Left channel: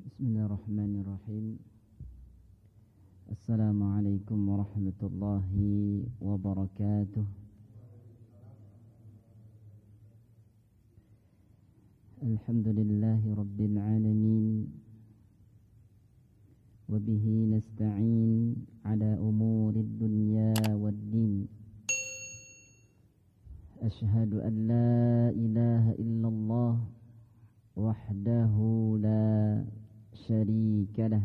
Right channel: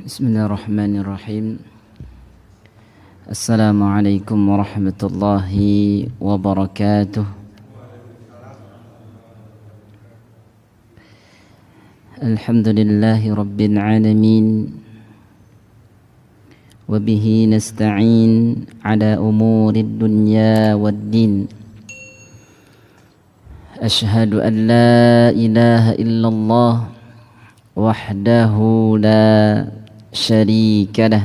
Bismillahirrahmanirrahim. Assalamualaikum warahmatullahi wabarakatuh. Alhamdulillahi rabbil alamin. Wabihi nasta'in ala umurid dunya waddin. Ashhadu an la ilaha illallah wahdahu la syarika lah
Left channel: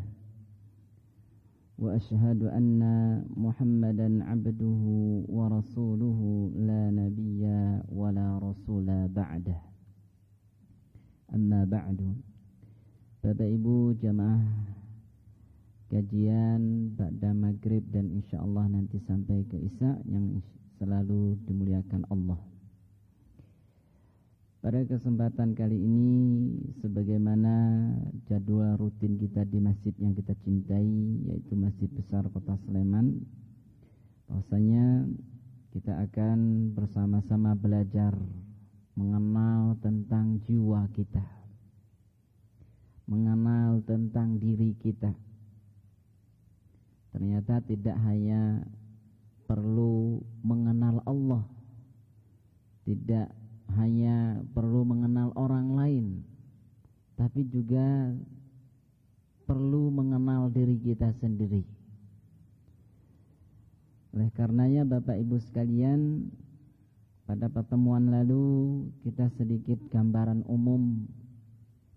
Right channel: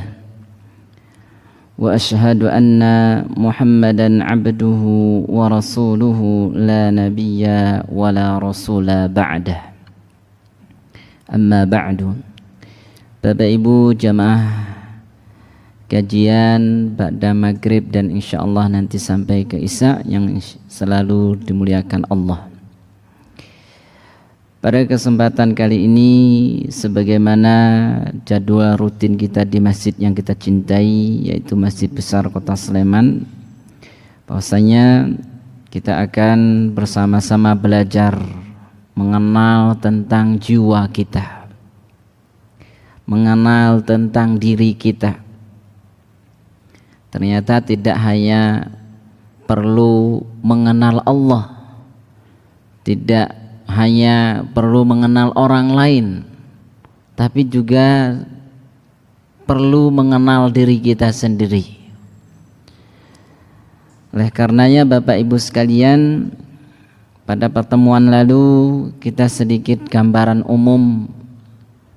wa ashhadu anna Muhammadan abduhu wa rasuluhu la nabiyya wa la rasula ba'dah. Amma ba'du. Bapak Ibu jamaah kajian ba'da maghrib dan insyaallah nanti sampai ke Isya yang selalu dimuliakan Allah. Pada kesempatan kali ini, sebagaimana jadwal rutin kita di masjid yang kita cintai, yaitu Masjid Besar Kota Sleman, bahwasanya kita akan bersama-sama belajar mengenal tentang jiwa kita, mengenal tentang diri kita. Ternyata tidak hanya perlu mengenal Allah, tidak hanya perlu mengenal orang lain, tapi juga perlu mengenal diri kita sendiri. Oleh karenanya Bapak Ibu sekalian, pada pertemuan lalu kita sedikit gambaran umum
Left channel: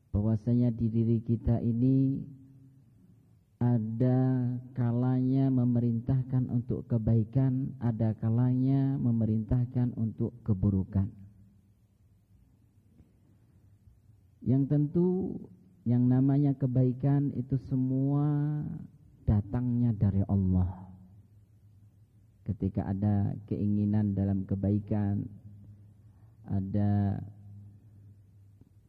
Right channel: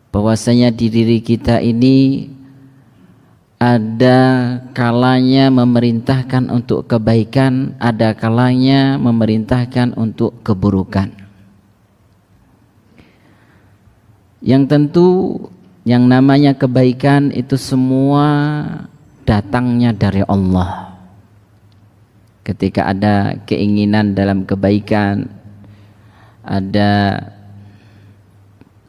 bahwasanya di diri kita ini ada kalanya memerintahkan untuk kebaikan, ada kalanya memerintahkan untuk keburukan. Yang tentu yang namanya kebaikan itu semua datangnya dari Allah. Ketika ada keinginan dalam kebaikan, ada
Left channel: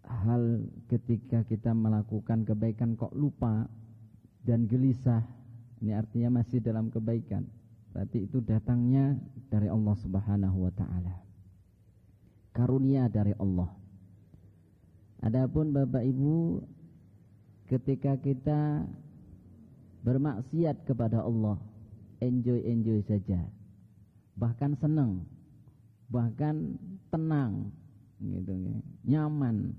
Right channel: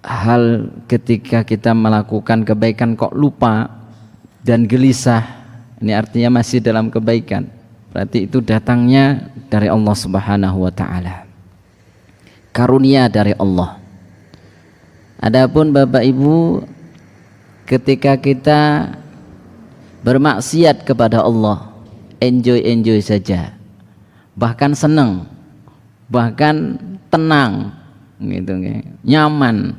hal ketika kita melakukan kebaikan kok lupa dan gelisah, ini artinya masih dalam kebaikan. Berarti itu datangnya dari Allah Subhanahu wa taala. Karunia dari Allah. Adapun Bapak Ibu, ketika kita bermaksiat kepada Allah, enjoy saja, bahkan senang, bahkan tenang, gitu, nyaman.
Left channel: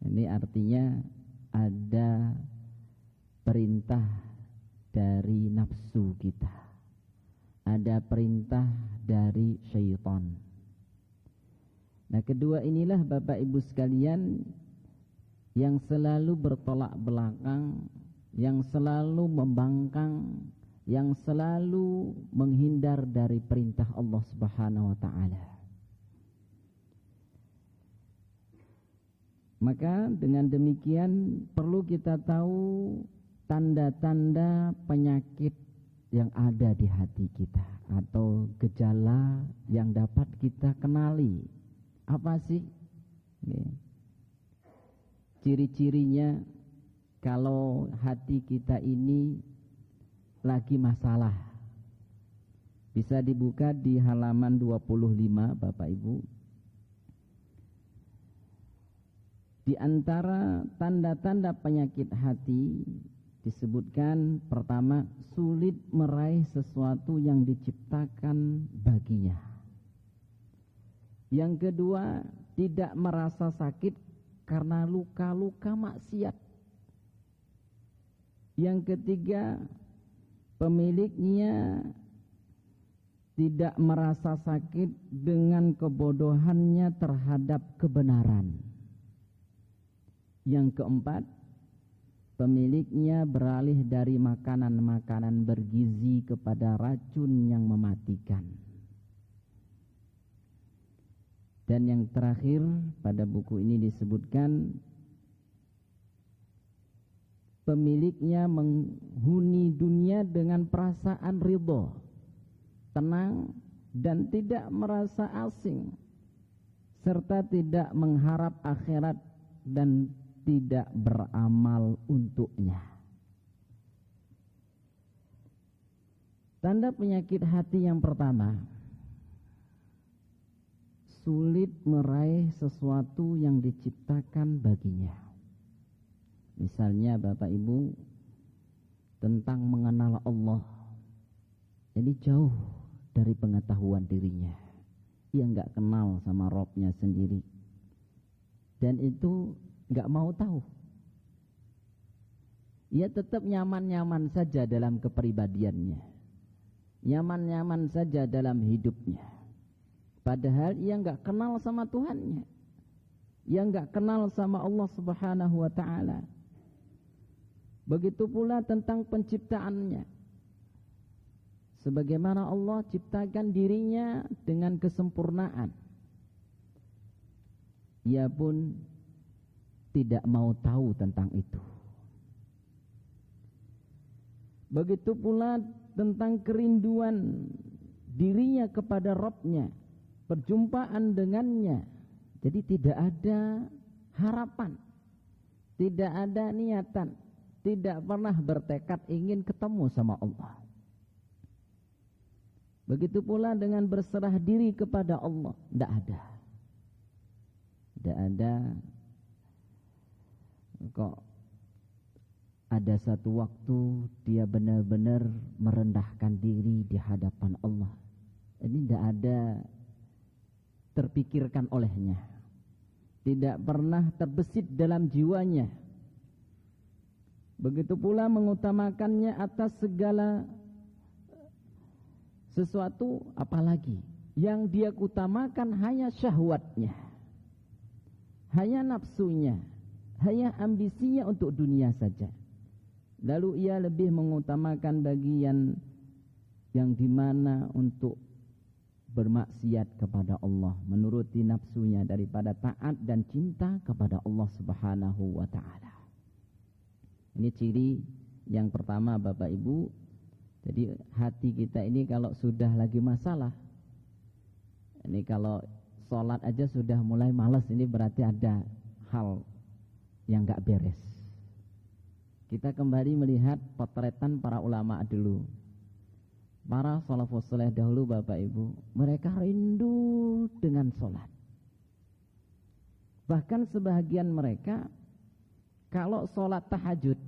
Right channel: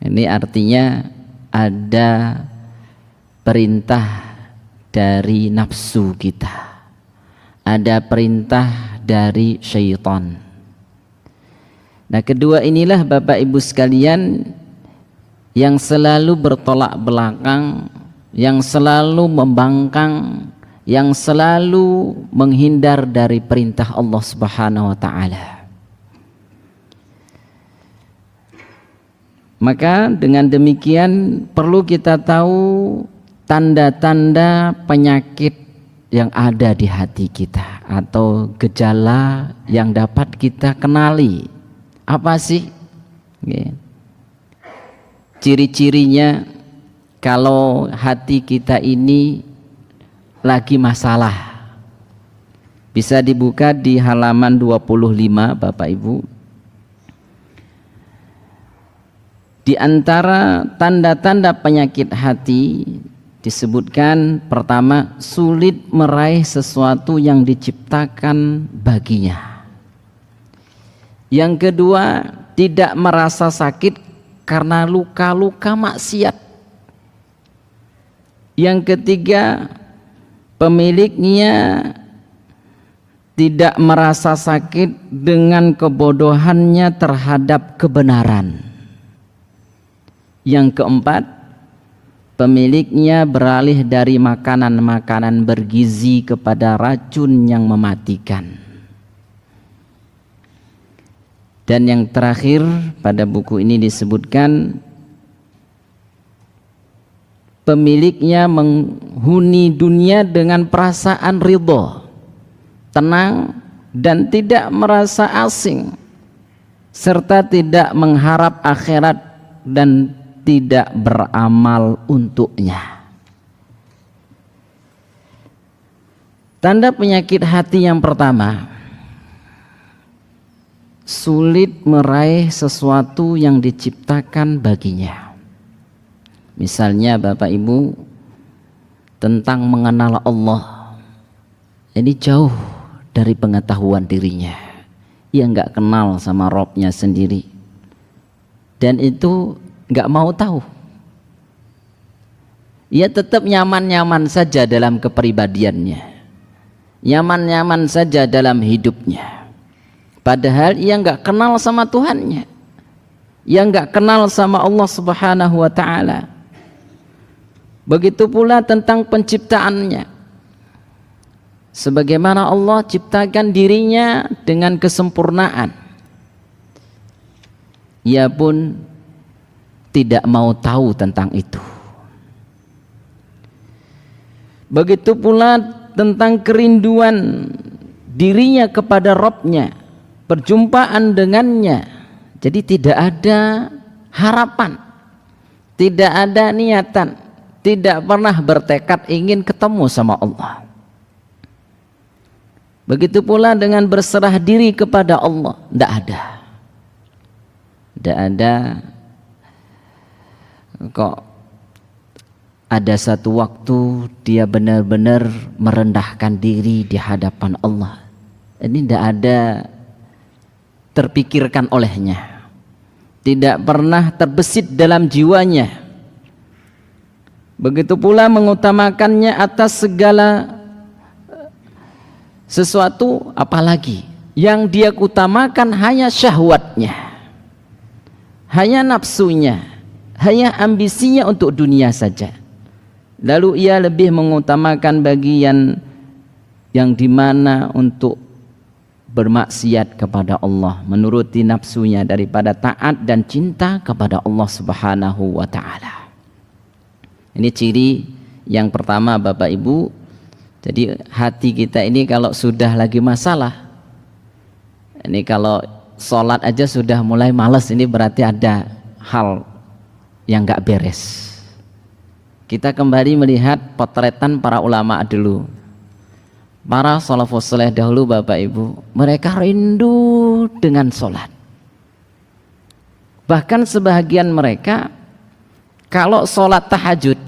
Ini artinya ada perintah dari nafsu kita, ada perintah dari syaitan. Nah, kedua inilah Bapak Ibu sekalian yang selalu bertolak belakang, yang selalu membangkang, yang selalu menghindar dari perintah Allah Subhanahu wa taala. Maka dengan demikian perlu kita tahu tanda-tanda penyakit yang ada di hati kita atau gejala yang dapat kita kenali. Apa sih ciri-cirinya kalau hati kita ini lagi masalah? Bisa dibuka di halaman 25 Bapak Ibu. Di antara tanda-tanda penyakit hati disebutkan pertama, sulit meraih sesuatu yang diciptakan baginya. Yang kedua, tidak merasa sakit karena luka-luka maksiat. Yang ketiga, pemiliknya tidak merasa sakit dengan kebodohannya terhadap kebenaran. Yang keempat, pemiliknya beralih dari makanan-makanan bergizi kepada racun yang mematikan. Dan yang terakhir pada buku ini disebutkan pemiliknya menghuni dunia dengan perasaan ridho, tenang dan tidak merasa asing, serta tidak mengharap akhirat dan tidak beramal untuknya. Tanda penyakit hati yang pertama, sulit meraih sesuatu yang diciptakan baginya. Misalnya Bapak Ibu tentang mengenal Allah, ini jauh dari pengetahuan dirinya. Ia nggak kenal sama Robnya sendiri, dan itu nggak mau tahu. Ia tetap nyaman-nyaman saja dalam kepribadiannya, nyaman-nyaman saja dalam hidupnya. Padahal ia nggak kenal sama Tuhannya, ia nggak kenal sama Allah Subhanahu wa Ta'ala. Begitu pula tentang penciptaannya. Sebagaimana Allah ciptakan dirinya dengan kesempurnaan, ia pun tidak mau tahu tentang itu. Begitu pula tentang kerinduan dirinya kepada Rabb-nya, perjumpaan dengannya. Jadi tidak ada harapan, tidak ada niatan, tidak pernah bertekad ingin ketemu sama Allah. Begitu pula dengan berserah diri kepada Allah, tidak ada. Tidak ada. Kok ada satu waktu dia benar-benar merendahkan diri di hadapan Allah. Ini tidak ada terpikirkan olehnya, tidak pernah terbesit dalam jiwanya. Begitu pula mengutamakannya atas segala sesuatu, apalagi yang dia utamakan hanya syahwatnya, hanya nafsunya, hanya ambisinya untuk dunia saja. Lalu ia lebih mengutamakan bagian yang dimana untuk bermaksiat kepada Allah, menuruti nafsunya daripada taat dan cinta kepada Allah Subhanahu wa Ta'ala. Ini ciri yang pertama Bapak Ibu. Jadi hati kita ini kalau sudah lagi masalah, ini kalau sholat aja sudah mulai malas, ini berarti ada hal yang gak beres. Kita kembali melihat potretan para ulama dulu, para salafus saleh dahulu Bapak Ibu. Mereka rindu dengan sholat. Bahkan sebagian mereka kalau sholat tahajud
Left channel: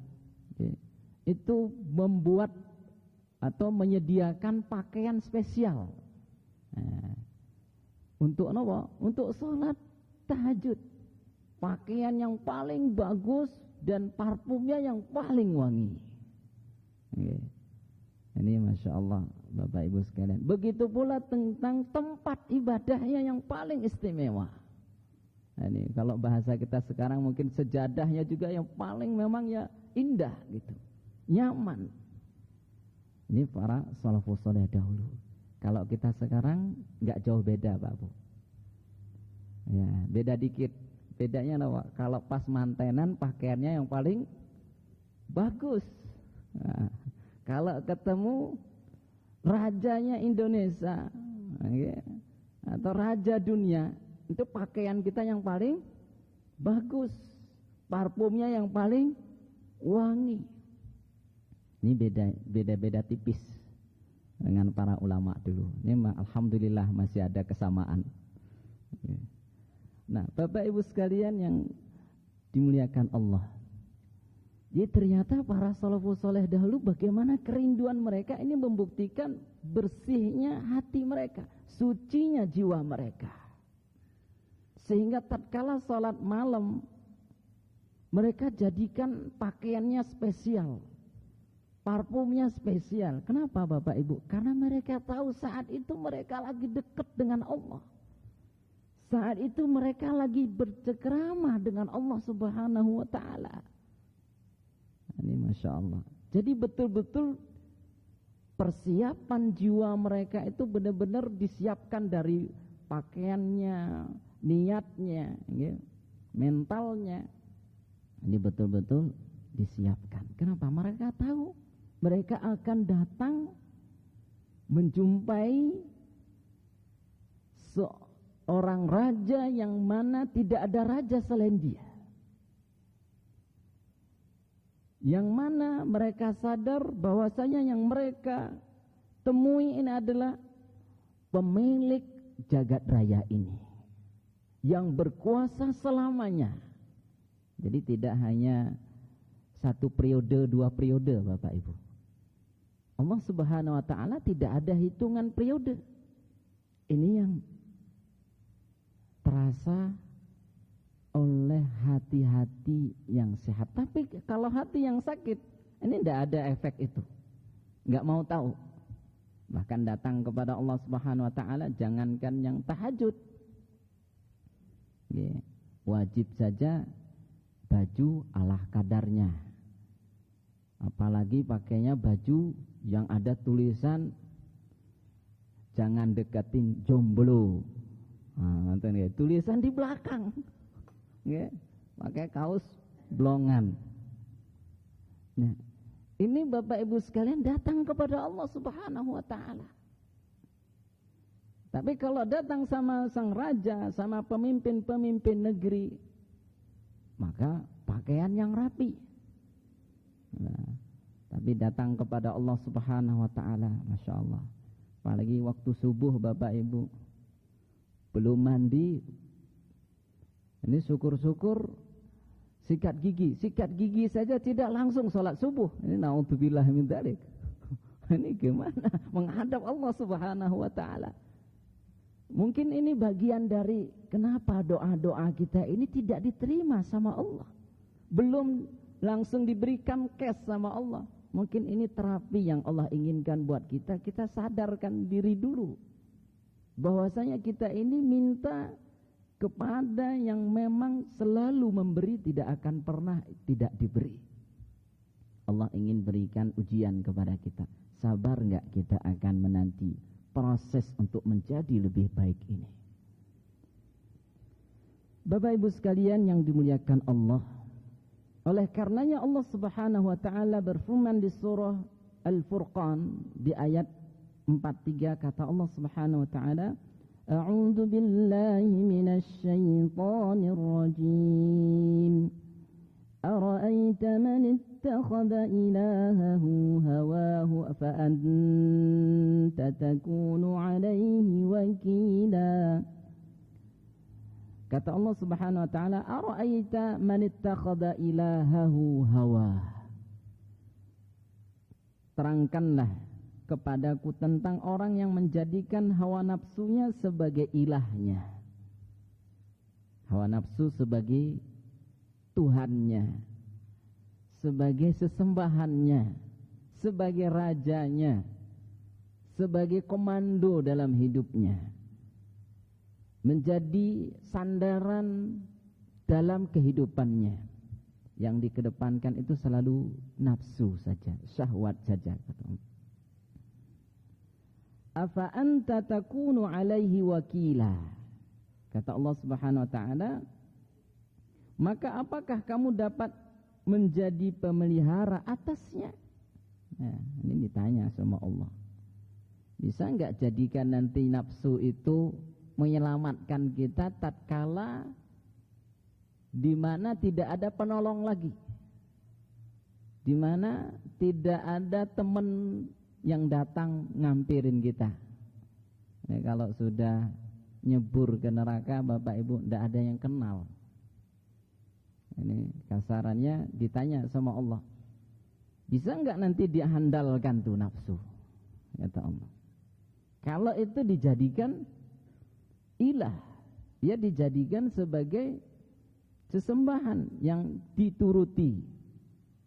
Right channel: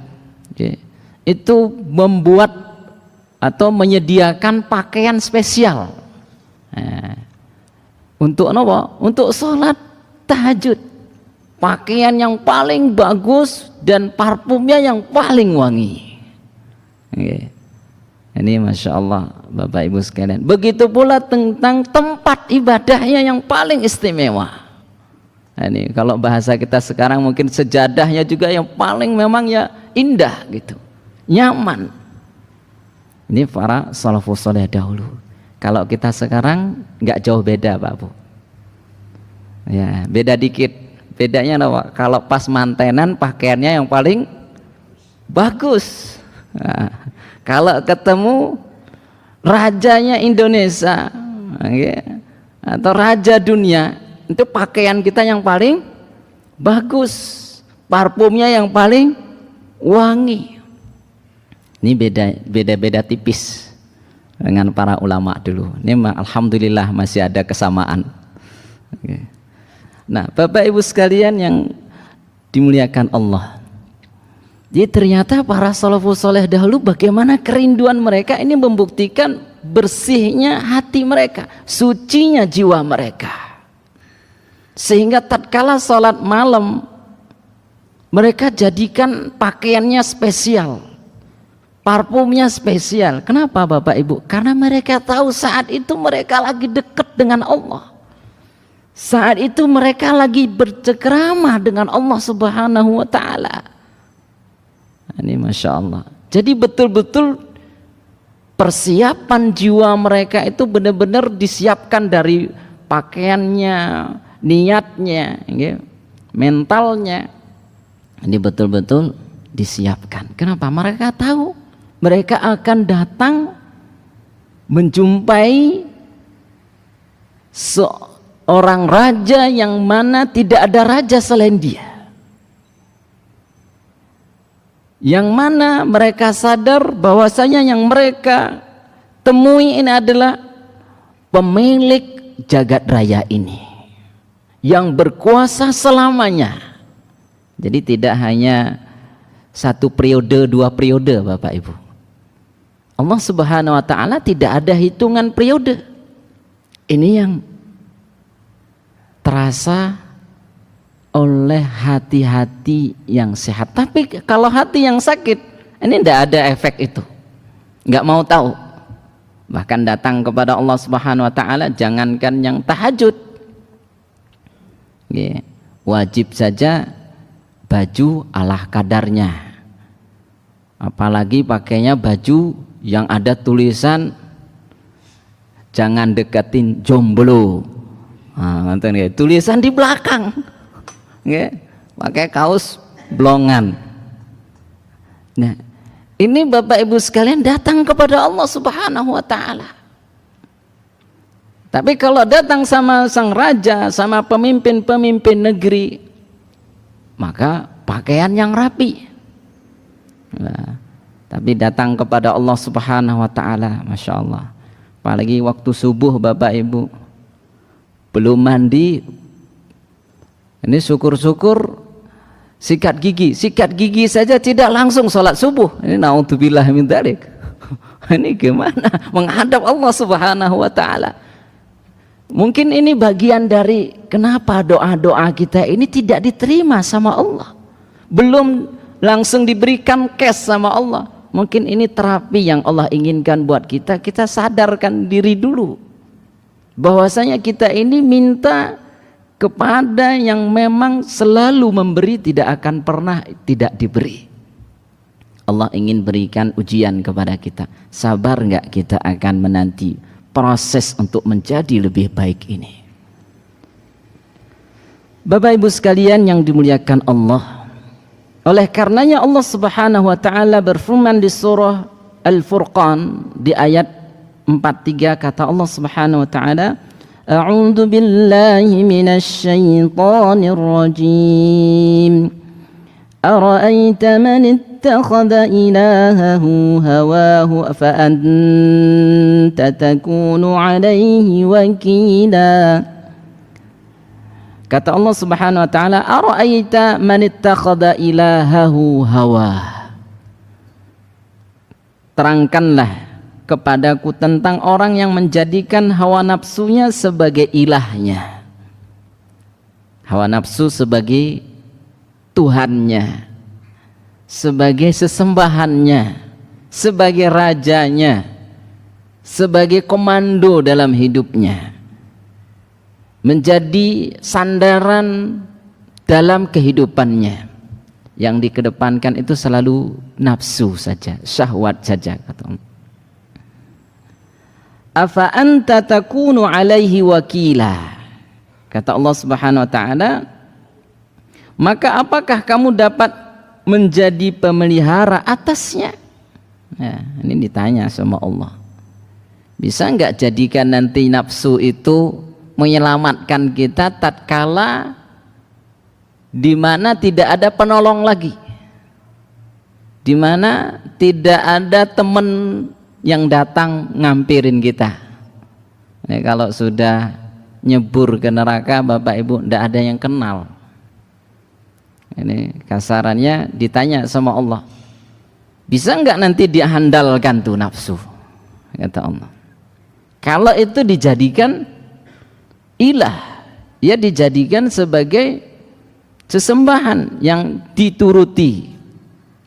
itu membuat atau menyediakan pakaian spesial untuk apa? Untuk sholat tahajud. Pakaian yang paling bagus dan parfumnya yang paling wangi. Ini Masya Allah Bapak Ibu sekalian. Begitu pula tentang tempat ibadahnya yang paling istimewa. Ini kalau bahasa kita sekarang mungkin sejadahnya juga yang paling memang ya indah gitu, nyaman. Ini para salafus saleh dahulu. Kalau kita sekarang nggak jauh beda Pak Bu. Ya beda dikit. Bedanya apa? Kalau pas mantenan pakaiannya yang paling bagus. Nah, kalau ketemu rajanya Indonesia atau raja dunia, itu pakaian kita yang paling bagus, parfumnya yang paling wangi. Ini beda tipis dengan para ulama dulu. Ini alhamdulillah masih ada kesamaan. Nah, Bapak Ibu sekalian yang dimuliakan Allah, jadi ternyata para salafus saleh dahulu bagaimana kerinduan mereka ini membuktikan bersihnya hati mereka, sucinya jiwa mereka, sehingga tatkala sholat malam mereka jadikan pakaiannya spesial, parfumnya spesial. Kenapa Bapak Ibu? Karena mereka tahu saat itu mereka lagi dekat dengan Allah. Saat itu mereka lagi bercengkrama dengan Allah Subhanahu wa Ta'ala. Ini Masya Allah. Jadi betul-betul persiapan jiwa mereka itu benar-benar disiapkan dari pakaiannya, niatnya, mentalnya. Ini betul-betul disiapkan. Kenapa? Mereka tahu mereka akan datang menjumpai seorang raja yang mana tidak ada raja selain dia, yang mana mereka sadar bahwasanya yang mereka temui ini adalah pemilik jagat raya ini yang berkuasa selamanya. Jadi tidak hanya 1 periode, 2 periode Bapak Ibu. Allah Subhanahu wa taala tidak ada hitungan periode. Ini yang terasa oleh hati-hati yang sehat. Tapi kalau hati yang sakit, ini tidak ada efek itu. Nggak mau tahu. Bahkan datang kepada Allah Subhanahu wa taala, jangankan yang tahajud. Wajib saja baju ala kadarnya. Apalagi pakainya baju yang ada tulisan jangan deketin jomblo. Nah, tulisan di belakang. Pakai kaos blongan. Nah, ini Bapak Ibu sekalian datang kepada Allah Subhanahu wa taala. Tapi kalau datang sama sang raja, sama pemimpin-pemimpin negeri, maka pakaian yang rapi. Nah, tapi datang kepada Allah Subhanahu wa taala, Masya Allah. Apalagi waktu subuh Bapak Ibu belum mandi, ini syukur-syukur sikat gigi saja tidak langsung sholat subuh. Ini naudzubillah min dzalik. Ini gimana menghadap Allah Subhanahu wa taala? Mungkin ini bagian dari kenapa doa-doa kita ini tidak diterima sama Allah. Belum langsung diberikan cash sama Allah. Mungkin ini terapi yang Allah inginkan buat kita. Kita sadarkan diri dulu bahwasanya kita ini minta kepada yang memang selalu memberi, tidak akan pernah tidak diberi. Allah ingin berikan ujian kepada kita. Sabar enggak kita akan menanti proses untuk menjadi lebih baik ini. Bapak Ibu sekalian yang dimuliakan Allah, oleh karenanya Allah Subhanahu wa taala berfirman di surah Al-Furqan di ayat 43, kata Allah Subhanahu wa taala, A'udzu billahi minasy syaithanir rajim. Ara'aita man ittakhadha ilahahu hawahu fa anta takunu 'alaihi wakila. Kata Allah Subhanahu wa taala, ara'aita man ittakhadha ilahahu hawa. Terangkanlah kepadaku tentang orang yang menjadikan hawa nafsunya sebagai ilahnya. Hawa nafsu sebagai Tuhannya, sebagai sesembahannya, sebagai rajanya, sebagai komando dalam hidupnya, menjadi sandaran dalam kehidupannya. Yang dikedepankan itu selalu nafsu saja, syahwat saja, kata Allah. Afa anta takunu alaihi wakila. Kata Allah Subhanahu wa taala, maka apakah kamu dapat menjadi pemelihara atasnya? Nah, ini ditanya sama Allah. Bisa enggak jadikan nanti nafsu itu menyelamatkan kita tatkala di mana tidak ada penolong lagi, di mana tidak ada teman yang datang ngampirin kita. Nah, kalau sudah nyebur ke neraka Bapak Ibu, tidak ada yang kenal. Ini kasarannya ditanya sama Allah, bisa enggak nanti diandalkan tuh nafsu? Kata Allah, kalau itu dijadikan ilah, ya dijadikan sebagai sesembahan yang dituruti,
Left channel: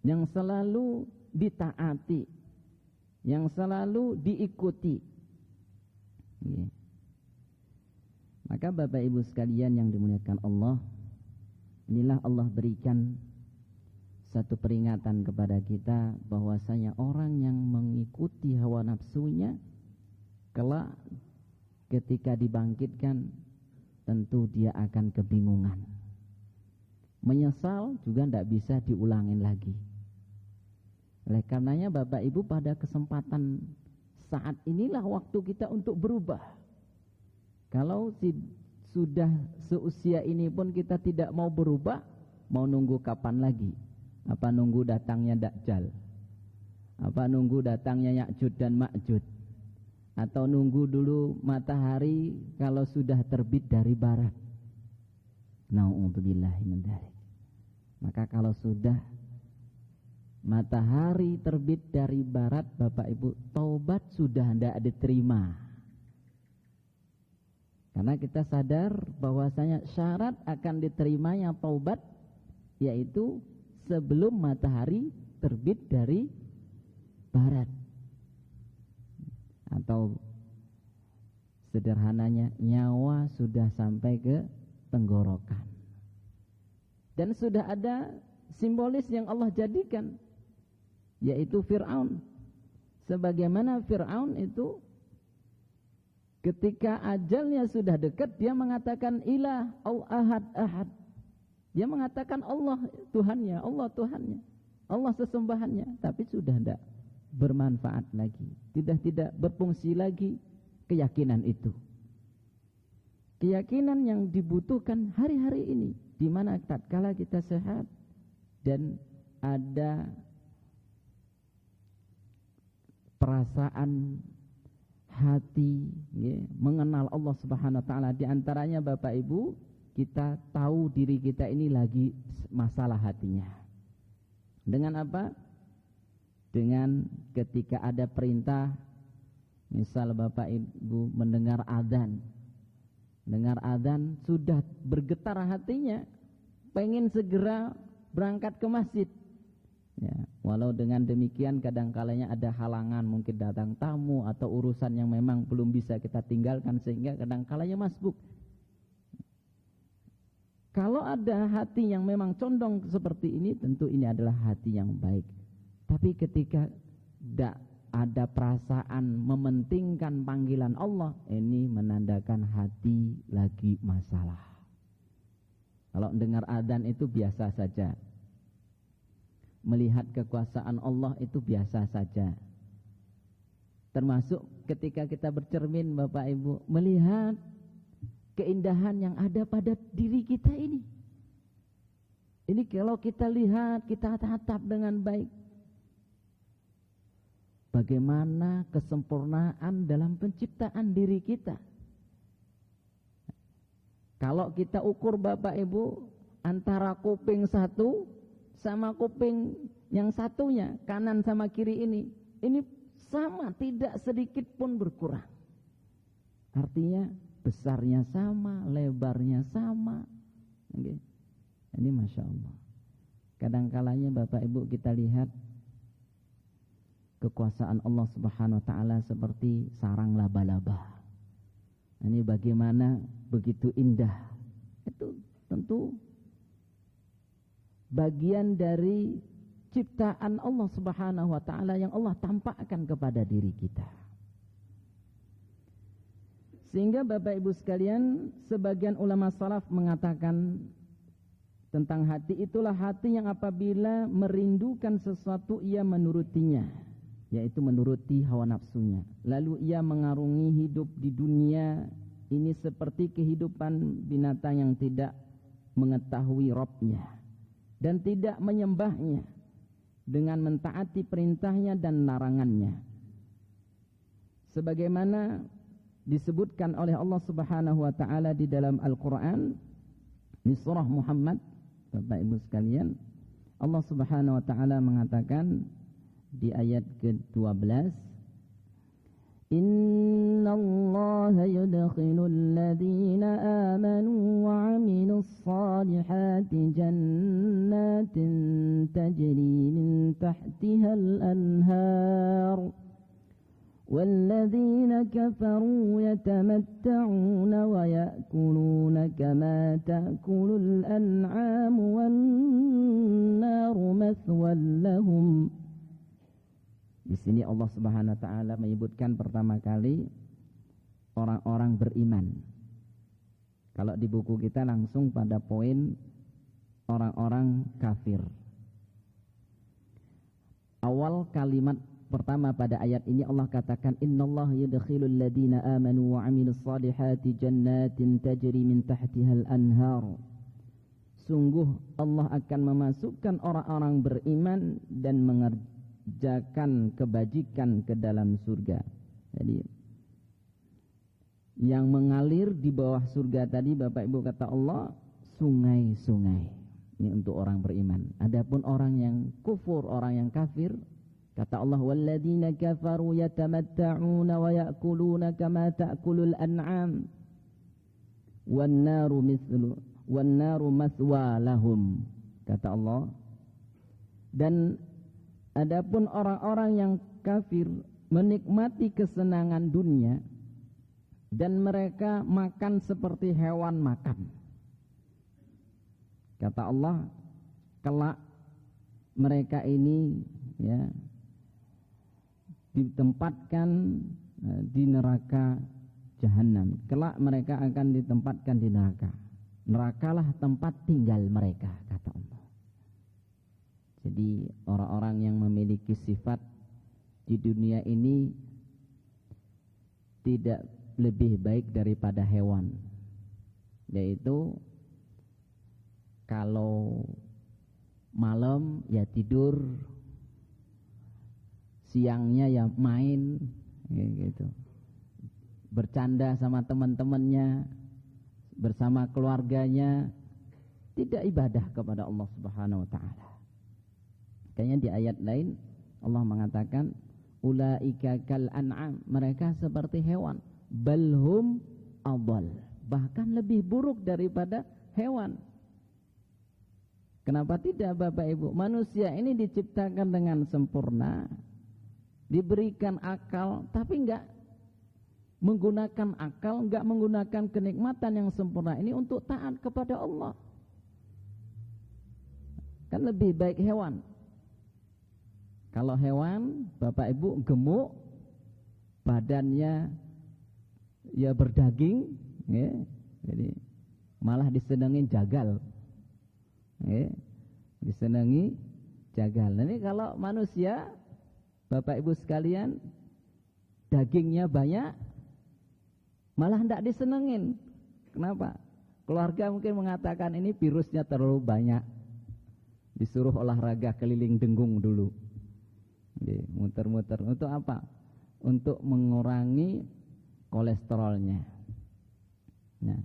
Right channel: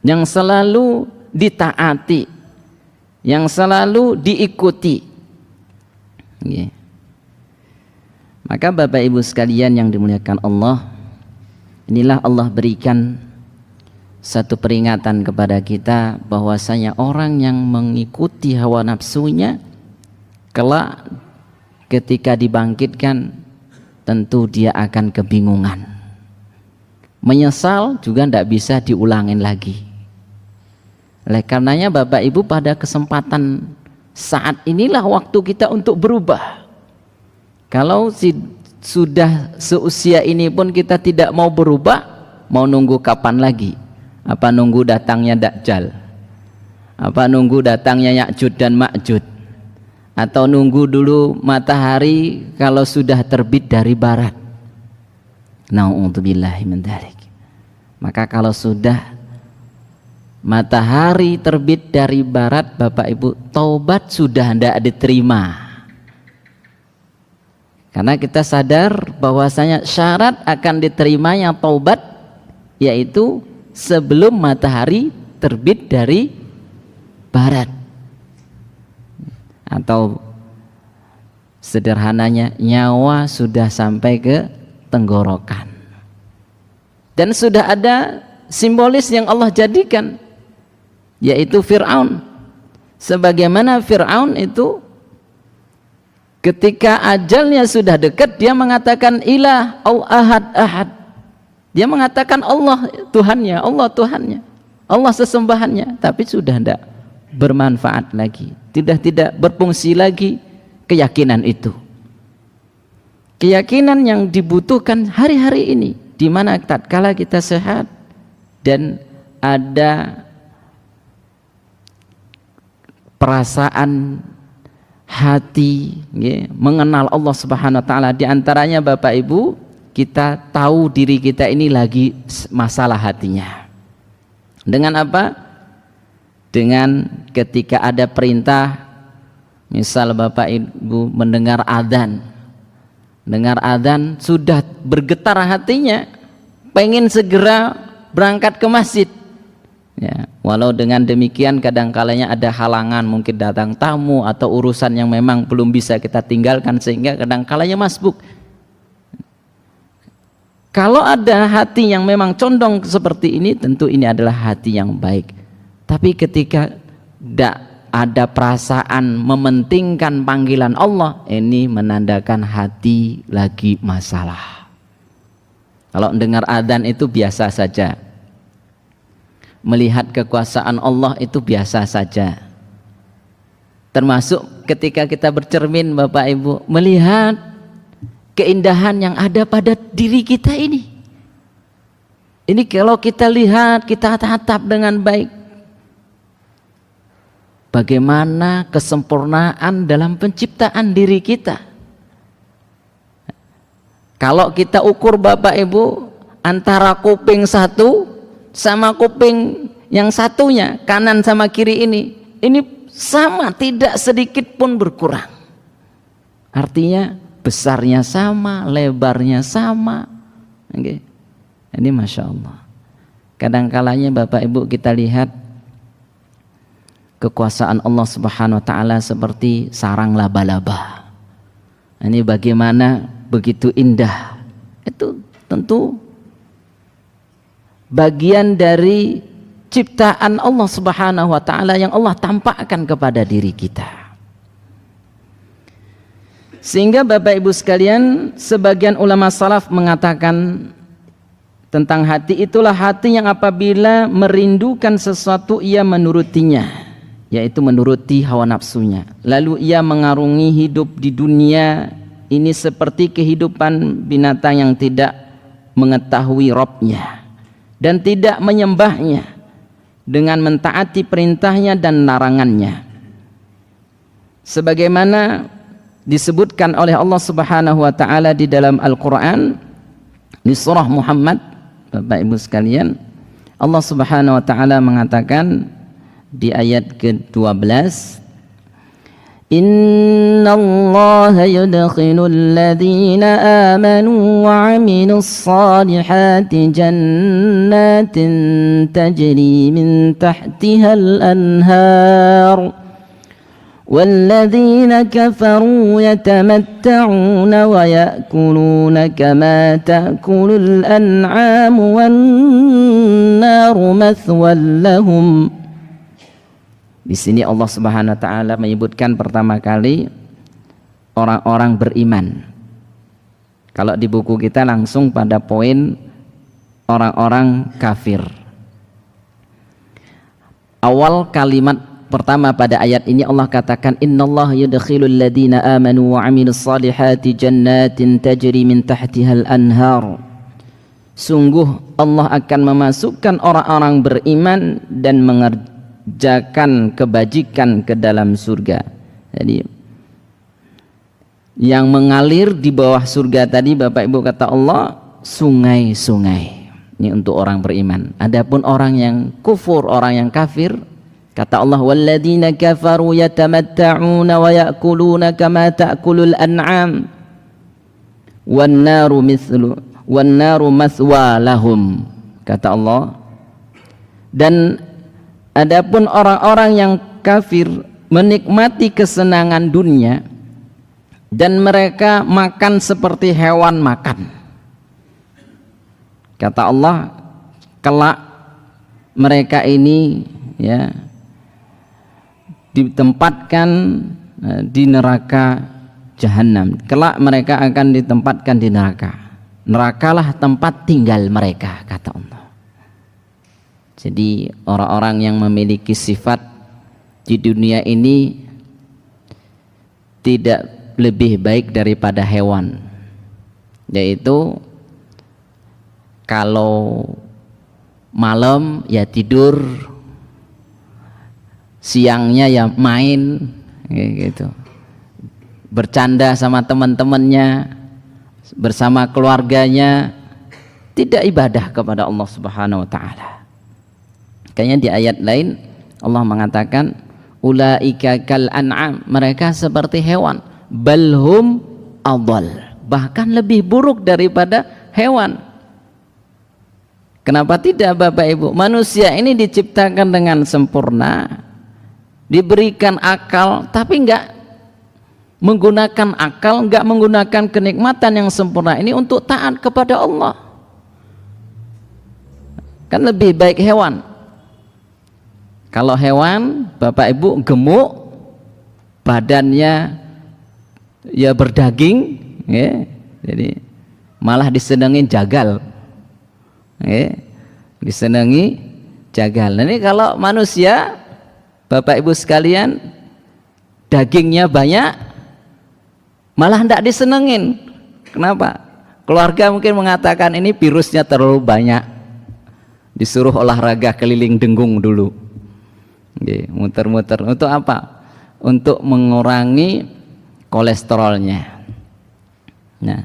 yang selalu ditaati, yang selalu diikuti. Maka Bapak Ibu sekalian yang dimuliakan Allah, inilah Allah berikan satu peringatan kepada kita bahwasanya orang yang mengikuti hawa nafsunya kelak ketika dibangkitkan tentu dia akan kebingungan. Menyesal juga tidak bisa diulangin lagi. Oleh karenanya Bapak Ibu, pada kesempatan saat inilah waktu kita untuk berubah. Kalau sudah seusia ini pun kita tidak mau berubah, mau nunggu kapan lagi? Apa nunggu datangnya Dajjal? Apa nunggu datangnya Ya'jud dan Ma'jud? Atau nunggu dulu matahari kalau sudah terbit dari barat? Na'udzubillahi min dzalik. Maka kalau sudah matahari terbit dari barat, Bapak Ibu, taubat sudah tidak diterima. Karena kita sadar bahwasanya syarat akan diterimanya taubat yaitu sebelum matahari terbit dari barat. Atau sederhananya, nyawa sudah sampai ke tenggorokan. Dan sudah ada simbolis yang Allah jadikan, yaitu Fir'aun. Sebagaimana Fir'aun itu ketika ajalnya sudah dekat, dia mengatakan ilah au ahad ahad. Dia mengatakan Allah Tuhannya, Allah Tuhannya, Allah sesembahannya, tapi sudah tidak bermanfaat lagi, tidak berfungsi lagi keyakinan itu. Keyakinan yang dibutuhkan hari-hari ini, di mana tatkala kita sehat dan ada perasaan hati mengenal Allah Subhanahu wa taala, di antaranya Bapak Ibu, kita tahu diri kita ini lagi masalah hatinya. Dengan apa? Dengan ketika ada perintah, misal Bapak Ibu mendengar adzan, sudah bergetar hatinya, pengen segera berangkat ke masjid. Ya, walau dengan demikian kadang-kalanya ada halangan, mungkin datang tamu atau urusan yang memang belum bisa kita tinggalkan sehingga kadang-kalanya masbuk. Kalau ada hati yang memang condong seperti ini, tentu ini adalah hati yang baik. Tapi ketika tidak ada perasaan mementingkan panggilan Allah, ini menandakan hati lagi masalah. Kalau dengar adzan itu biasa saja, melihat kekuasaan Allah itu biasa saja. Termasuk ketika kita bercermin Bapak Ibu, melihat keindahan yang ada pada diri kita ini. Ini kalau kita lihat, kita tatap dengan baik, bagaimana kesempurnaan dalam penciptaan diri kita. Kalau kita ukur Bapak Ibu antara kuping satu sama kuping yang satunya, kanan sama kiri ini sama, tidak sedikit pun berkurang. Artinya besarnya sama, lebarnya sama. Okay. Ini Masya Allah. Kadang-kalanya Bapak Ibu kita lihat kekuasaan Allah Subhanahu wa taala seperti sarang laba-laba. Ini bagaimana begitu indah. Itu tentu bagian dari ciptaan Allah Subhanahu wa taala yang Allah tampakkan kepada diri kita. Sehingga Bapak Ibu sekalian, sebagian ulama salaf mengatakan tentang hati, itulah hati yang apabila merindukan sesuatu ia menurutinya, yaitu menuruti hawa nafsunya. Lalu ia mengarungi hidup di dunia ini seperti kehidupan binatang yang tidak mengetahui Rabbnya dan tidak menyembahnya dengan mentaati perintahnya dan larangannya. Sebagaimana disebutkan oleh Allah Subhanahu wa taala di dalam Al-Qur'an di surah Muhammad, Bapak Ibu sekalian, Allah Subhanahu wa taala mengatakan di ayat ke-12, Innallaha yudkhilul ladzina amanu wa 'amilus salihati jannatin tajri min tahtihal anhar walladzina kafaru yatamatta'una wa ya'kuluna kama ta'kulul an'amu wan naru mathwal lahum. Di sini Allah Subhanahu wa taala menyebutkan pertama kali orang-orang beriman. Kalau di buku kita langsung pada poin orang-orang kafir. Awal kalimat pertama pada ayat ini Allah katakan innallaha yudkhilul ladzina amanu wa 'amilus salihati jannatin tajri min tahtihal anhar. Sungguh Allah akan memasukkan orang-orang beriman dan mengerjakan kebajikan ke dalam surga. Jadi yang mengalir di bawah surga tadi Bapak Ibu kata Allah sungai-sungai. Ini untuk orang beriman. Adapun orang yang kufur, orang yang kafir, kata Allah, walladzina kafaru yatamatta'una wa ya'kuluna kama ta'kulul an'am wan naru mathwa lahum. Kata Allah, dan adapun orang-orang yang kafir menikmati kesenangan dunia dan mereka makan seperti hewan makan. Kata Allah, kelak mereka ini ya ditempatkan di neraka jahanam. Kelak mereka akan ditempatkan di neraka. Nerakalah tempat tinggal mereka, kata Allah. Jadi orang-orang yang memiliki sifat di dunia ini tidak lebih baik daripada hewan, yaitu kalau malam ya tidur, siangnya ya main gitu, bercanda sama teman-temannya, bersama keluarganya, tidak ibadah kepada Allah Subhanahu wa taala. Kayaknya di ayat lain Allah mengatakan ulaika kal an'am, mereka seperti hewan, balhum adall, bahkan lebih buruk daripada hewan. Kenapa tidak Bapak Ibu? Manusia ini diciptakan dengan sempurna, diberikan akal, tapi enggak menggunakan akal, enggak menggunakan kenikmatan yang sempurna ini untuk taat kepada Allah. Kan lebih baik hewan. Kalau hewan Bapak Ibu gemuk, badannya ya berdaging ya, jadi malah disenengin jagal ya, disenangi jagal. Nah, ini kalau manusia Bapak Ibu sekalian dagingnya banyak malah tidak disenengin. Kenapa? Keluarga mungkin mengatakan ini virusnya terlalu banyak, disuruh olahraga keliling dengung dulu, muter-muter. Untuk apa? Untuk mengurangi kolesterolnya. Nah,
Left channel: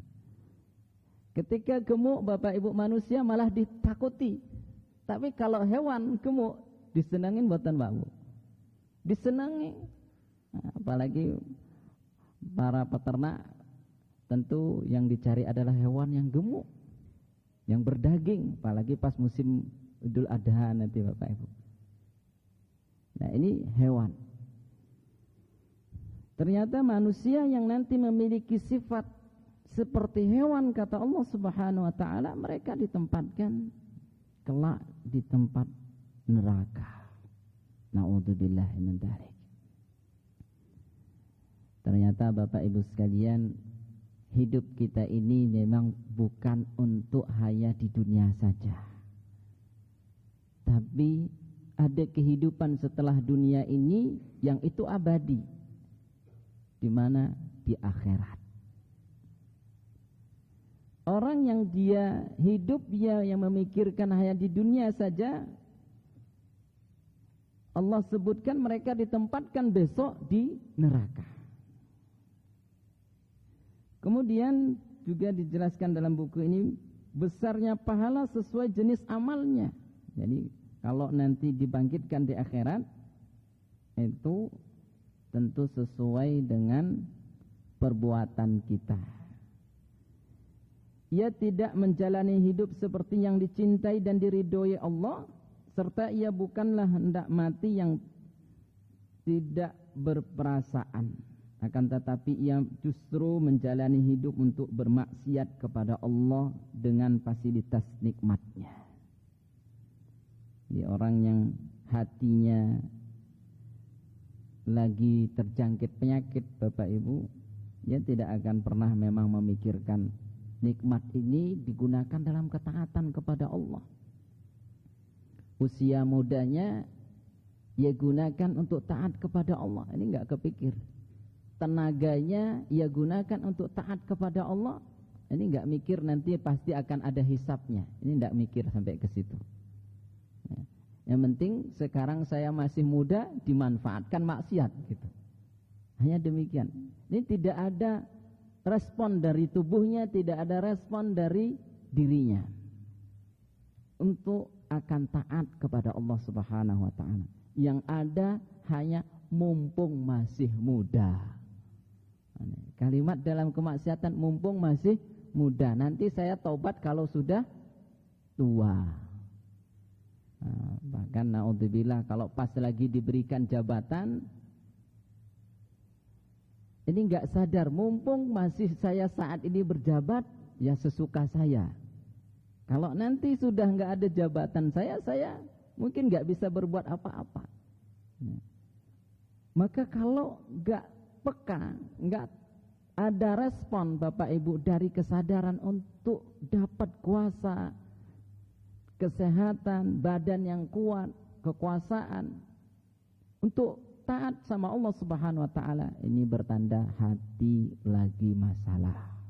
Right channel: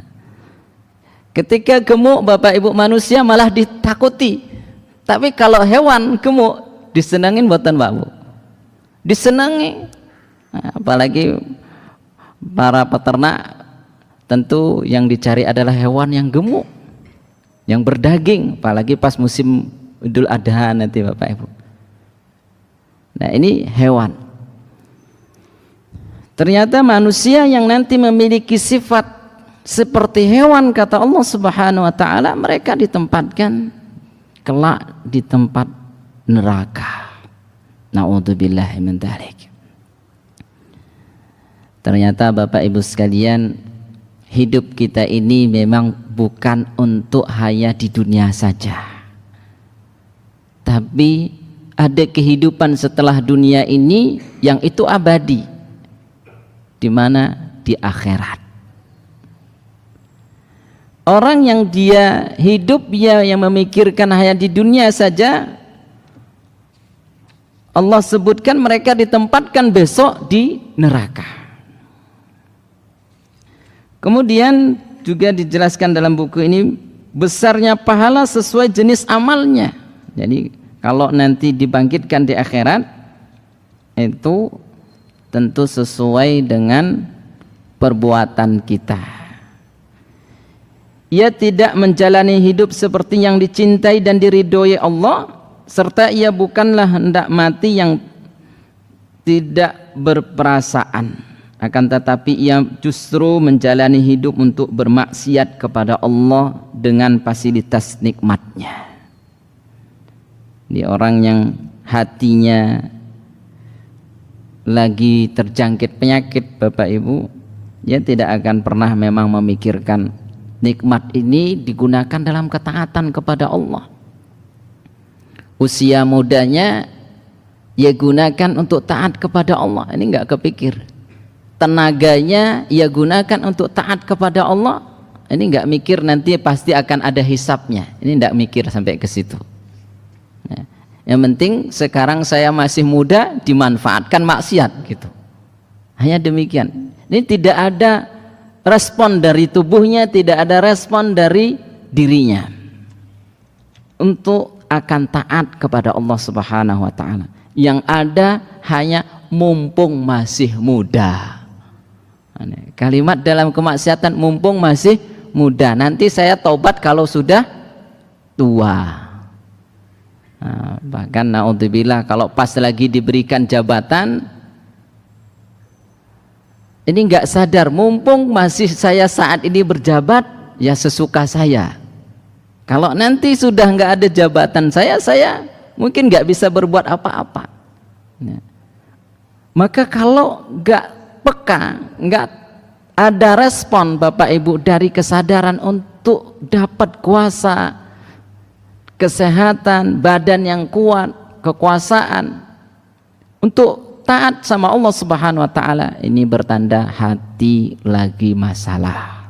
ketika gemuk Bapak Ibu manusia malah ditakuti. Tapi kalau hewan gemuk disenangin buatan Pak Bu, disenangi. Nah, apalagi para peternak, tentu yang dicari adalah hewan yang gemuk, yang berdaging, apalagi pas musim Idul Adha nanti Bapak Ibu. Nah, ini hewan. Ternyata manusia yang nanti memiliki sifat seperti hewan, kata Allah Subhanahu wa taala, mereka ditempatkan kelak di tempat neraka. Na'udzubillahi min dzalik. Ternyata Bapak Ibu sekalian, hidup kita ini memang bukan untuk hanya di dunia saja, tapi ada kehidupan setelah dunia ini yang itu abadi, di mana? Di akhirat. Orang yang dia hidup yang memikirkan hanya di dunia saja, Allah sebutkan mereka ditempatkan besok di neraka. Kemudian juga dijelaskan dalam buku ini besarnya pahala sesuai jenis amalnya. Jadi kalau nanti dibangkitkan di akhirat itu tentu sesuai dengan perbuatan kita. Ia tidak menjalani hidup seperti yang dicintai dan diridhoi Allah, serta ia bukanlah hendak mati yang tidak berperasaan, akan tetapi ia justru menjalani hidup untuk bermaksiat kepada Allah dengan fasilitas nikmatnya. Ini orang yang hatinya lagi terjangkit penyakit Bapak Ibu, dia tidak akan pernah memang memikirkan nikmat ini digunakan dalam ketaatan kepada Allah. Usia mudanya ia gunakan untuk taat kepada Allah, ini enggak kepikir. Tenaganya ia gunakan untuk taat kepada Allah, ini enggak mikir nanti pasti akan ada hisapnya, ini enggak mikir sampai ke situ. Nah, yang penting sekarang saya masih muda, dimanfaatkan maksiat gitu. Hanya demikian. Ini tidak ada respon dari tubuhnya, tidak ada respon dari dirinya. untuk akan taat kepada Allah Subhanahu wa taala. Yang ada hanya mumpung masih muda. Kalimat dalam kemaksiatan mumpung masih muda. Nanti saya taubat kalau sudah tua. Bahkan naudzubillah kalau pas lagi diberikan jabatan ini nggak sadar, mumpung masih saya saat ini berjabat ya sesuka saya. Kalau nanti sudah nggak ada jabatan saya mungkin nggak bisa berbuat apa-apa. Maka kalau nggak peka, nggak ada respon Bapak Ibu dari kesadaran untuk dapat kuasa, kesehatan, badan yang kuat, kekuasaan untuk taat sama Allah Subhanahu wa taala, ini bertanda hati lagi masalah.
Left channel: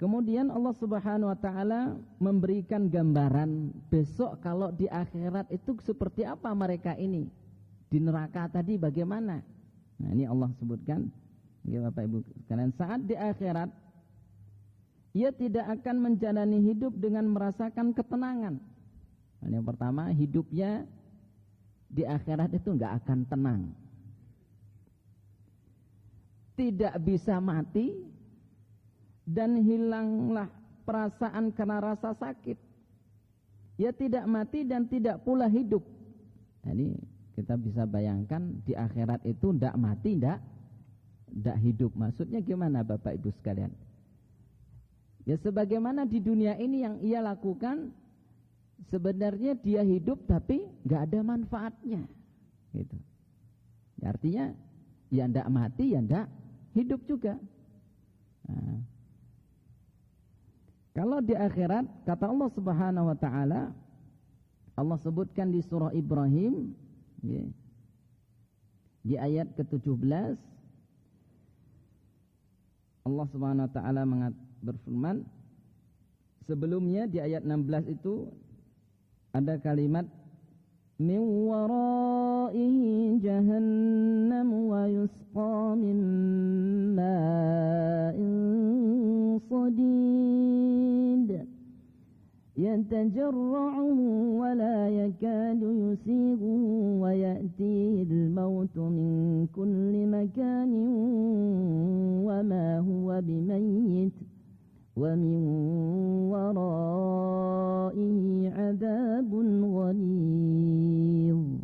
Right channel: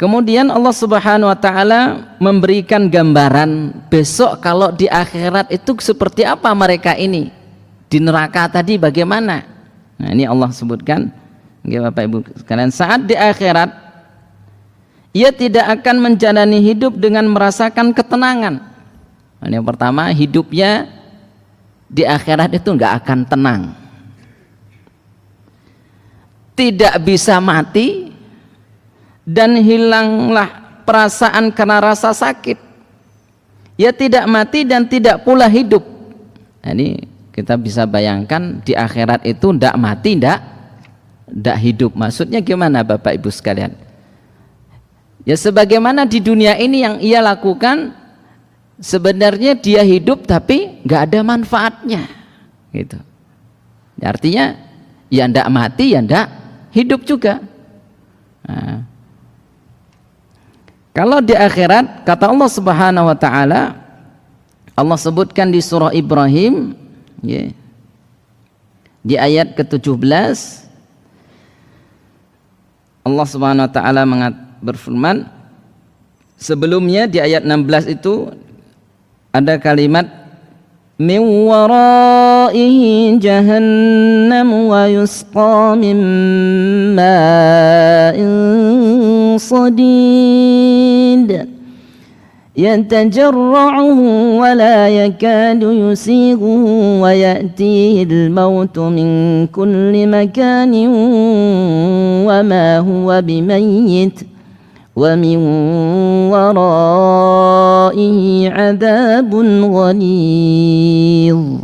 Kemudian Allah Subhanahu wa taala memberikan gambaran besok kalau di akhirat itu seperti apa mereka ini. Di neraka tadi bagaimana? Nah, ini Allah sebutkan, Bapak Ibu sekalian, saat di akhirat ia tidak akan menjalani hidup dengan merasakan ketenangan. Yang pertama, hidupnya di akhirat itu nggak akan tenang, tidak bisa mati, dan hilanglah perasaan karena rasa sakit. Ya tidak mati dan tidak pula hidup. Nah, ini kita bisa bayangkan di akhirat itu ndak mati, ndak hidup. Maksudnya gimana Bapak Ibu sekalian? Ya sebagaimana di dunia ini yang ia lakukan, sebenarnya dia hidup tapi nggak ada manfaatnya, gitu. Artinya ya ndak mati ya ndak hidup juga. Nah, kalau di akhirat kata Allah Subhanahu wa taala, Allah sebutkan di surah Ibrahim, ya, di ayat ke-17 Allah Subhanahu wa taala berfirman, sebelumnya di ayat 16 itu ada kalimat min waraihi jahannam wa yusqa min ma'in sadid yatajarra'uhu wa la yakadu yusighuhu wa ya'tihi al-mautu min kulli makanin wa ma huwa bimayyit wa min waraihi 'adzabun ghalidh.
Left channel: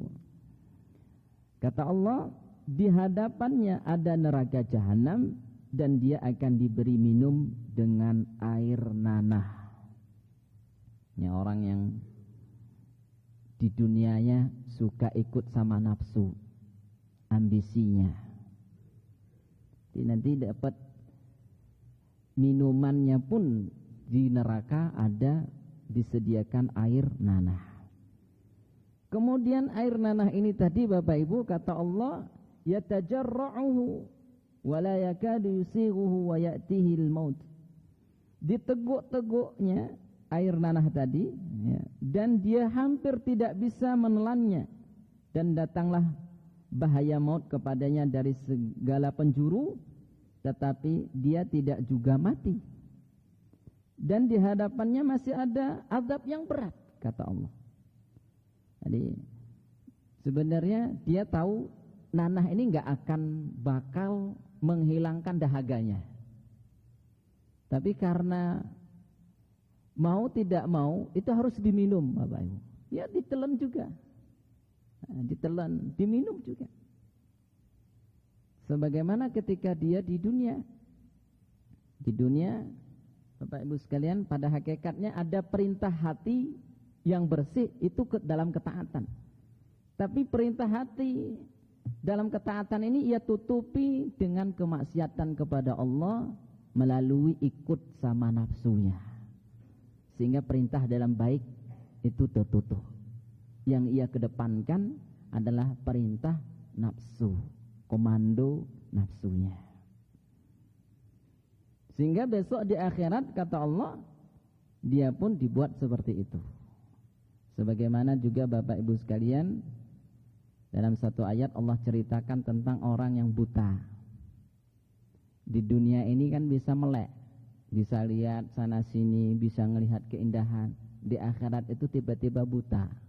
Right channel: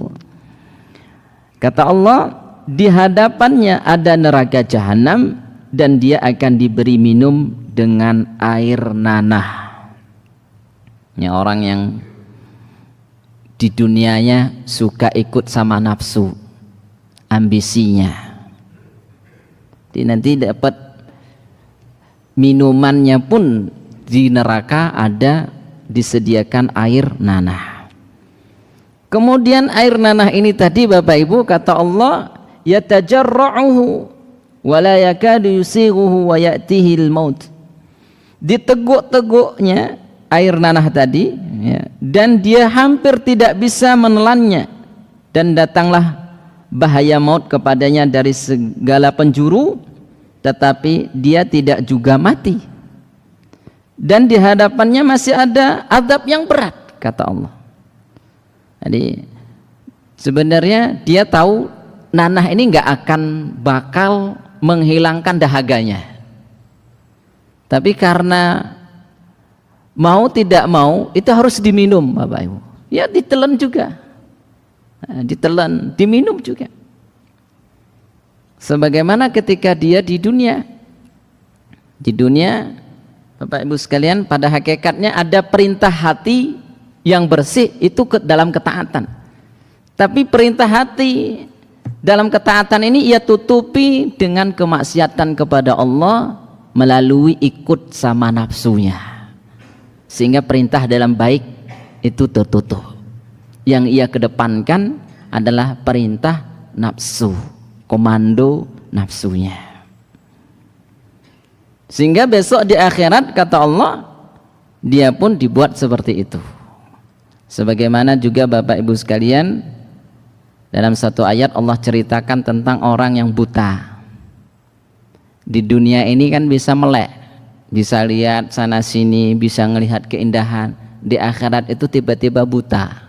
Kata Allah, di hadapannya ada neraka jahanam dan dia akan diberi minum dengan air nanah. Ya, orang yang di dunianya suka ikut sama nafsu, ambisinya, nanti dapat minumannya pun di neraka ada disediakan air nanah. Kemudian air nanah ini tadi Bapak Ibu kata Allah, yatajarra'uhu wa la yakadu yusighuhu wa ya'tihi al-maut. Diteguk-teguknya air nanah tadi, ya, dan dia hampir tidak bisa menelannya, dan datanglah bahaya maut kepadanya dari segala penjuru, tetapi dia tidak juga mati, dan di hadapannya masih ada azab yang berat kata Allah. Jadi sebenarnya dia tahu nanah ini nggak akan bakal menghilangkan dahaganya, tapi karena mau tidak mau itu harus diminum Bapak Ibu. Ya ditelan juga, ditelan, diminum juga. Sebagaimana ketika dia di dunia Bapak Ibu sekalian, pada hakikatnya ada perintah hati yang bersih itu dalam ketaatan. Tapi perintah hati dalam ketaatan ini ia tutupi dengan kemaksiatan kepada Allah melalui ikut sama nafsunya. Sehingga perintah dalam baik itu tertutup. Yang ia kedepankan adalah perintah nafsu, komando nafsunya. Sehingga besok di akhirat kata Allah, dia pun dibuat seperti itu. Sebagaimana juga Bapak Ibu sekalian, dalam satu ayat Allah ceritakan tentang orang yang buta. Di dunia ini kan bisa melek, bisa lihat sana sini, bisa melihat keindahan. Di akhirat itu tiba-tiba buta.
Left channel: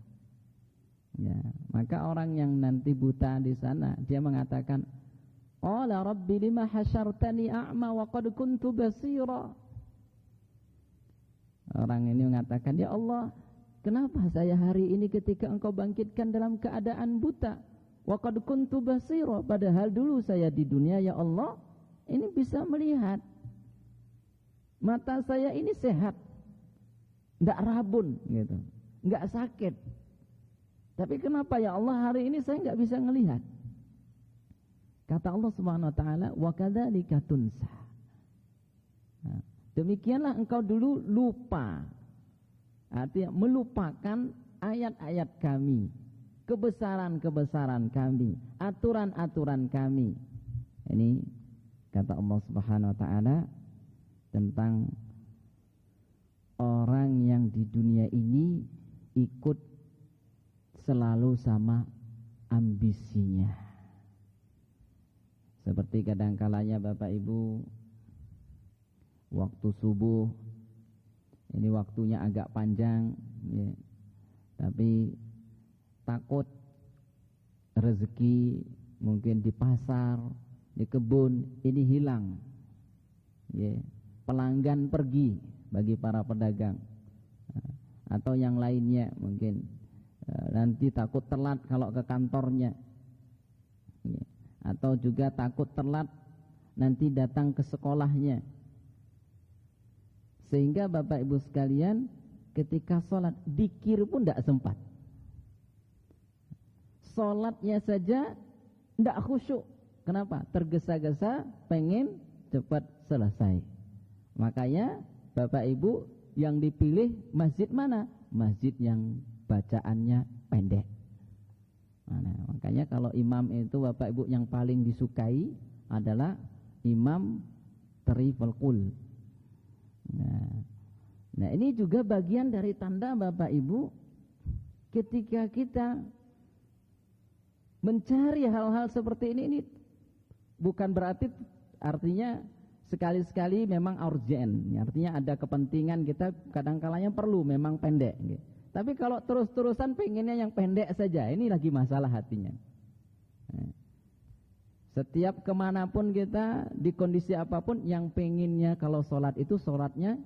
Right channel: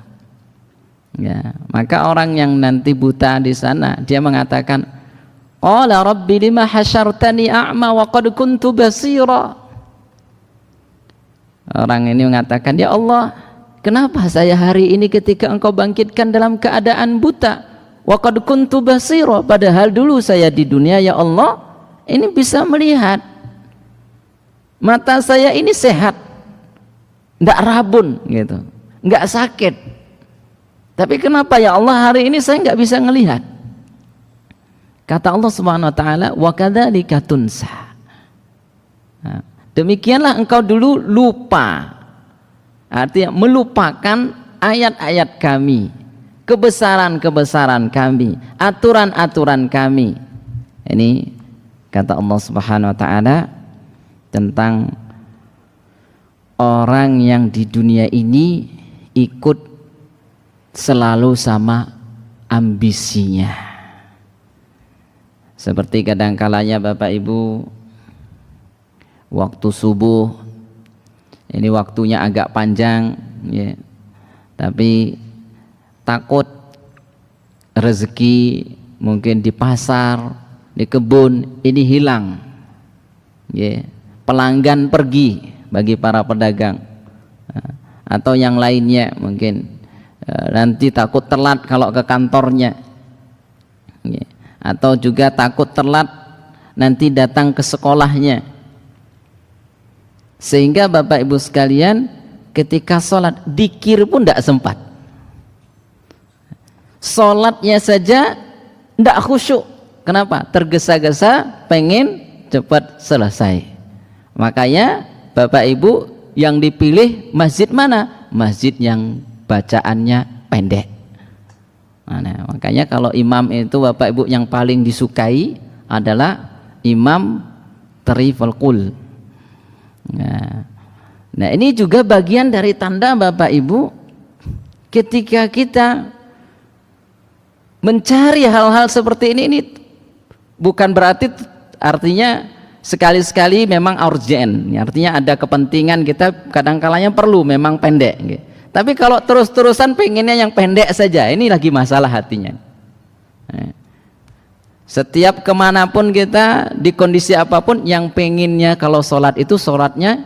Ya, maka orang yang nanti buta di sana, dia mengatakan, qala rabbi lima hasyartani a'ma wa qad kuntu basira. Orang ini mengatakan, ya Allah, kenapa saya hari ini ketika engkau bangkitkan dalam keadaan buta? Wa qad kuntu basira, padahal dulu saya di dunia ya Allah ini bisa melihat. Mata saya ini sehat, enggak rabun gitu, enggak sakit. Tapi kenapa ya Allah hari ini saya enggak bisa melihat? Kata Allah Subhanahu wa taala, wa kadzalika tunsa. Nah, demikianlah engkau dulu lupa. Artinya melupakan ayat-ayat kami, kebesaran-kebesaran kami, aturan-aturan kami. Ini kata Allah Subhanahu wa taala tentang orang yang di dunia ini ikut selalu sama ambisinya. Seperti kadang-kalanya Bapak Ibu waktu subuh ini waktunya agak panjang ya, tapi takut rezeki mungkin di pasar, di kebun ini hilang ya, pelanggan pergi bagi para pedagang atau yang lainnya, mungkin nanti takut telat kalau ke kantornya ya, atau juga takut telat nanti datang ke sekolahnya. Sehingga Bapak Ibu sekalian ketika sholat dikir pun tidak sempat, sholatnya saja tidak khusyuk. Kenapa? Tergesa-gesa pengen cepat selesai. Makanya Bapak Ibu yang dipilih masjid mana? Masjid yang bacaannya pendek. Nah, makanya kalau imam itu Bapak Ibu yang paling disukai adalah imam tariful qul. Nah ini juga bagian dari tanda Bapak Ibu ketika kita mencari hal-hal seperti ini bukan berarti artinya sekali-sekali memang urgent, artinya ada kepentingan kita kadang-kalanya perlu memang pendek gitu. Tapi kalau terus-terusan pengennya yang pendek saja, ini lagi masalah hatinya. Setiap kemanapun kita, di kondisi apapun, yang pengennya kalau sholat itu sholatnya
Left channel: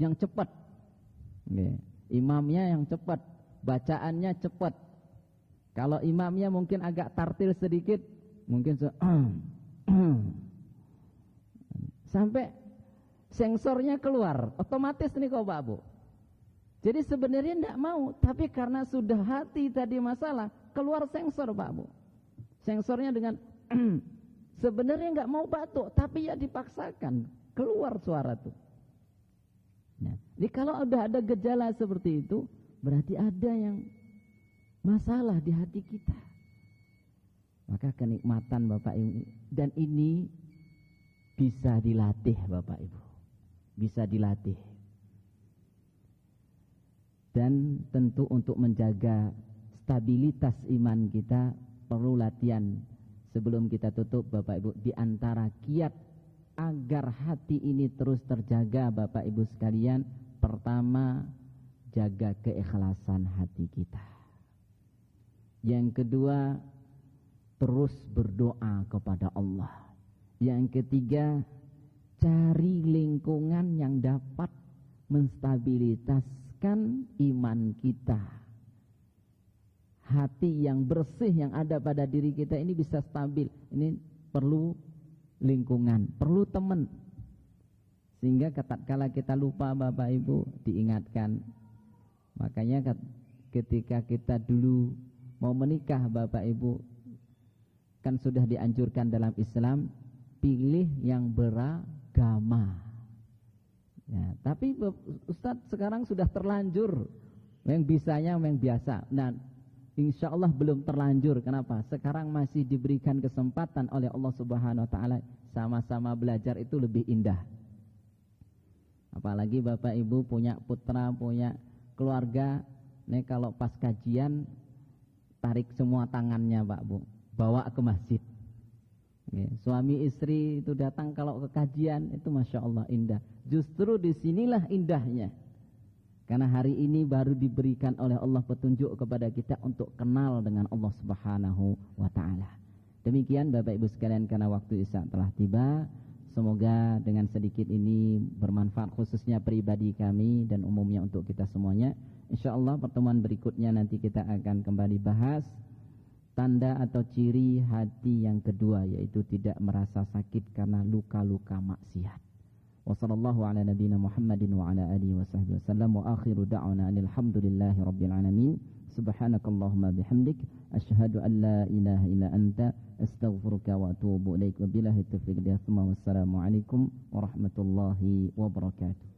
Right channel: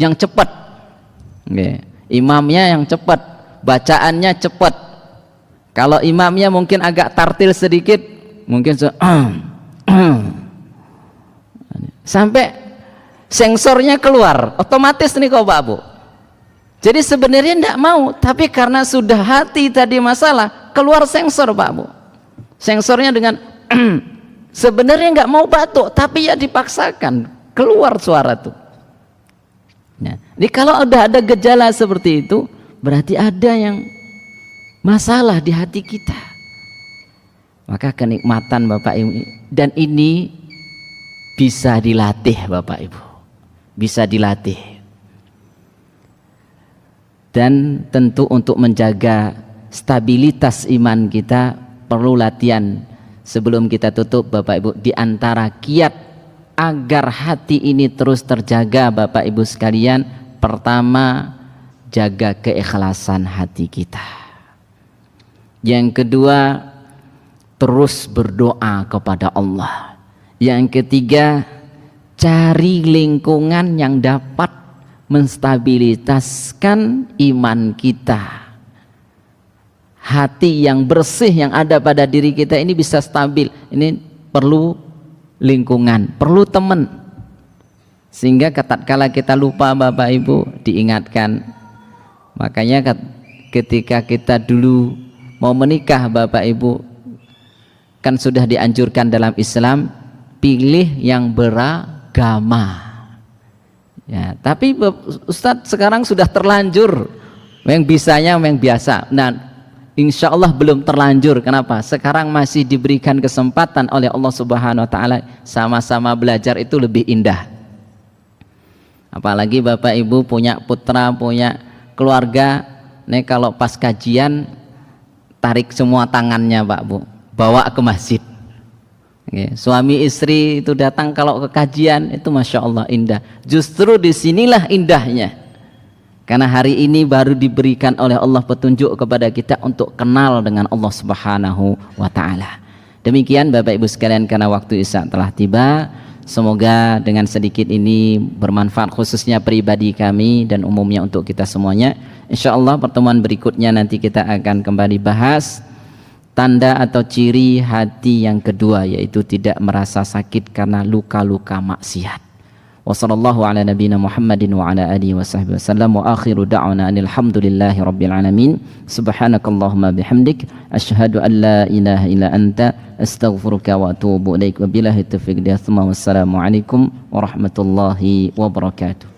yang cepat, imamnya yang cepat, bacaannya cepat. Kalau imamnya mungkin agak tartil sedikit, mungkin sampai sensornya keluar, otomatis nih kau Pak Bu. Jadi sebenarnya tidak mau, tapi karena sudah hati tadi masalah, keluar sensor Pak Bu. Sensornya dengan sebenarnya nggak mau batuk, tapi ya dipaksakan keluar suara tuh. Nah, jadi kalau udah ada gejala seperti itu, berarti ada yang masalah di hati kita. Maka kenikmatan Bapak Ibu, dan ini bisa dilatih Bapak Ibu, bisa dilatih. Dan tentu untuk menjaga stabilitas iman kita perlu latihan. Sebelum kita tutup Bapak Ibu, di antara kiat agar hati ini terus terjaga Bapak Ibu sekalian, pertama jaga keikhlasan hati kita. Yang kedua, terus berdoa kepada Allah. Yang ketiga, cari lingkungan yang dapat menstabilitaskan iman kita. Hati yang bersih yang ada pada diri kita ini bisa stabil. Ini perlu lingkungan, perlu teman. Sehingga tatkala kita lupa Bapak Ibu diingatkan. Makanya ketika kita dulu mau menikah Bapak Ibu, kan sudah dianjurkan dalam Islam pilih yang beragama. Ya, tapi Ustadz sekarang sudah terlanjur, yang bisanya yang biasa. Nah, insya Allah belum terlanjur. Kenapa? Sekarang masih diberikan kesempatan oleh Allah Subhanahu Wa Taala, sama-sama belajar itu lebih indah. Apalagi Bapak Ibu punya putra, punya keluarga, nih kalau pas kajian tarik semua tangannya Pak Bu, bawa ke masjid. Suami istri itu datang kalau ke kajian itu masya Allah indah. Justru disinilah indahnya. Karena hari ini baru diberikan oleh Allah petunjuk kepada kita untuk kenal dengan Allah Subhanahu wa Ta'ala. Demikian Bapak Ibu sekalian, karena waktu Isya telah tiba. Semoga dengan sedikit ini bermanfaat khususnya pribadi kami dan umumnya untuk kita semuanya. Insya Allah pertemuan berikutnya nanti kita akan kembali bahas tanda atau ciri hati yang kedua, yaitu tidak merasa sakit karena luka-luka maksiat. Wassallallahu ala nabiyina Muhammadin wa ala alihi wa sahbihi wasallam wa akhiru da'wana alhamdulillahi rabbil alamin. Subhanakallahumma bihamdik asyhadu an la ilaha illa anta astaghfiruka wa atubu ilaik. Wabillahi taufiq. Wassalamu alaikum warahmatullahi wabarakatuh.